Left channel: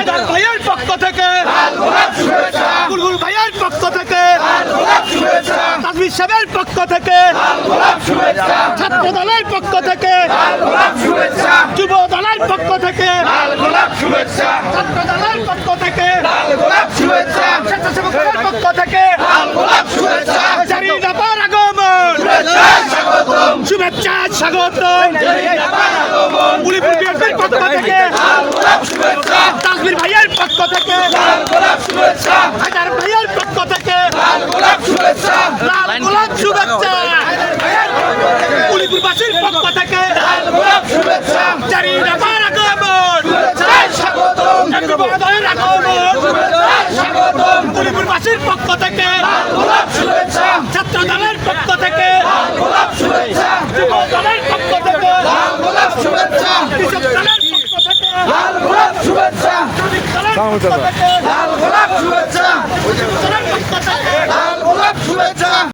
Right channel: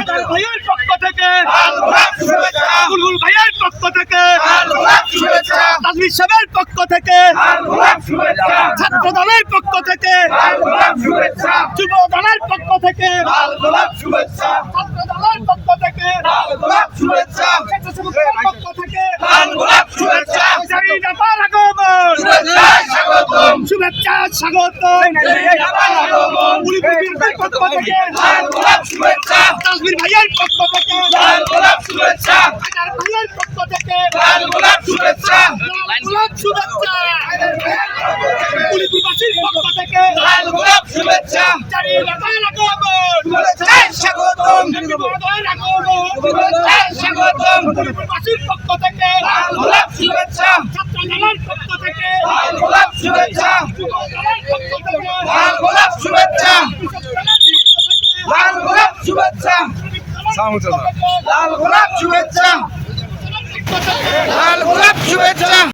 ভাইয়ের পক্ষ থেকে লাল গোলাপ শুভেচ্ছা বুলবুল ভাইয়ের পক্ষ থেকে লাল গোলাপ শুভেচ্ছা তাজমির সাহেবের পক্ষ থেকে লাল গোলাপ শুভেচ্ছা ছাত্র দলের পক্ষ থেকে লাল গোলাপ শুভেচ্ছা যুব দলের পক্ষ থেকে লাল গোলাপ শুভেচ্ছা ছাত্র দলের পক্ষ থেকে লাল গোলাপ শুভেচ্ছা স্বেচ্ছাসেবকের পক্ষ থেকে লাল গোলাপ শুভেচ্ছা জারির ব্যাপার আগমন শুভেচ্ছা স্বাগতম শুভেচ্ছা স্বাগতম জারির ব্যাপার আগমন বুলবুল বিএনপির পক্ষ থেকে লাল গোলাপ শুভেচ্ছা তাজমির ভাইয়ের পক্ষ থেকে লাল গোলাপ শুভেচ্ছা হাজার ভাইয়ের পক্ষ থেকে লাল গোলাপ শুভেচ্ছা লাল গোলাপ শুভেচ্ছা বুলবুলবাসীর পক্ষ থেকে লাল গোলাপ শুভেচ্ছা জারির ব্যাপার আগমন শুভেচ্ছা স্বাগতম যুব দলের আগমন শুভেচ্ছা স্বাগতম বুলবুলবাসীর পক্ষ থেকে লাল গোলাপ শুভেচ্ছা ছাত্র দলের পক্ষ থেকে লাল গোলাপ শুভেচ্ছা যুব দলের পক্ষ থেকে লাল গোলাপ শুভেচ্ছা কৃষক দলের পক্ষ থেকে লাল গোলাপ শুভেচ্ছা শ্রমিক দলের পক্ষ থেকে লাল গোলাপ শুভেচ্ছা দলের পক্ষ থেকে লাল গোলাপ শুভেচ্ছা